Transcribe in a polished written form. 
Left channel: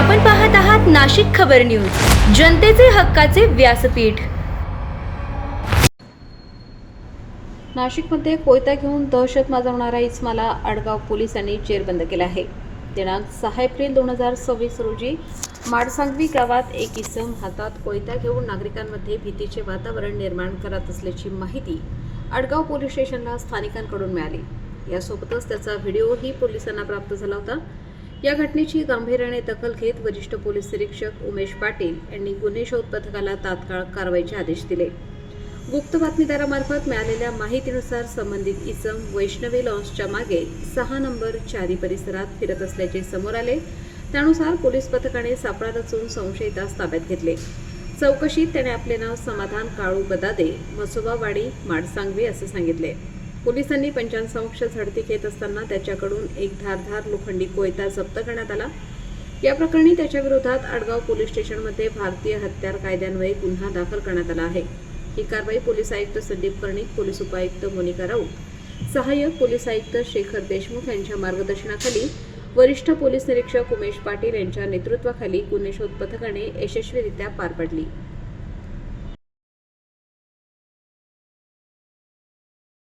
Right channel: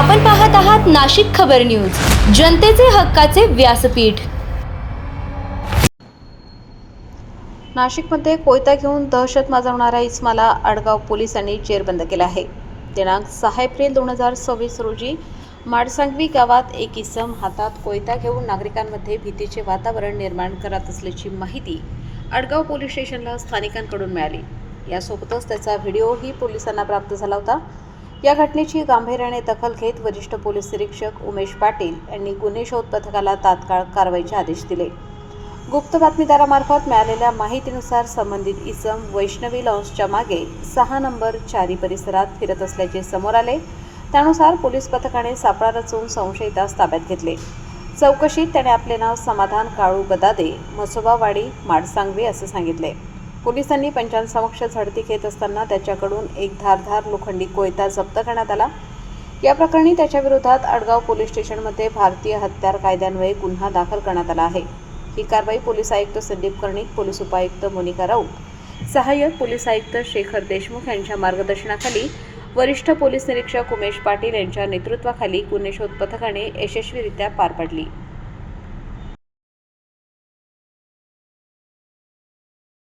आपण पाहत आहात नाशिक खबर न्यूज, जनतेचे हक्काचे व्यासपीठ। नाशिकमध्ये कोयता घेऊन दहशत माजवणाऱ्या इस्माला आडगाव पोलिसांनी जेरबंद केले आहे। दिनांक 6 एप्रिल 2026 रोजी माडसांगवी गावात एक इसम हातात कोयता घेऊन नागरिकांमध्ये भीतीचे वातावरण निर्माण करत असल्याची माहिती आडगाव पोलीस स्टेशनला स्थानिकांकडून मिळाली। यासोबतच त्याचा व्हिडिओही पोलिसांना प्राप्त झाला होता। या घटनेची गांभीर्याने दखल घेत वरिष्ठ पोलीस निरीक्षक उमेश पाटील यांनी गुन्हे शोध पथकाला तात्काळ कारवाईचे आदेश दिले। गुप्त बातमीदारामार्फत मिळालेल्या माहितीनुसार संबंधित इसम वैष्णवी लॉन्सच्या मागे 6 नंबर 4 परिसरात फिरत असल्याचे समोर आले। त्यानुसार पोलीस पथकाने सापळा रचून संशयितास ताब्यात घेतले। चौकशीत त्याने आपले नाव समाधान काळू गदादे, मसोबावाडी, माडसांगवी असे सांगितले। पोलिसांनी पंचांसमक्ष झडती घेत असताना त्याच्याकडून एक धारदार लोखंडी कोयता जप्त करण्यात आला। या प्रकरणी त्याच्या विरोधात आडगाव पोलीस स्टेशनमध्ये भारतीय हत्यार कायद्यान्वये गुन्हा दाखल करण्यात आला आहे। ही कारवाई पोलीस आयुक्त संदीप कर्णिक, पोलीस उपायुक्त मोनिका राऊत, सहाय्यक पोलीस आयुक्त शेखर देशमुख यांच्या मार्गदर्शनाखाली वरिष्ठ पोलीस निरीक्षक उमेश पाटील यांच्या नेतृत्वाखाली गुन्हे शोध पथकाने यशस्वीरित्या पार पाडली।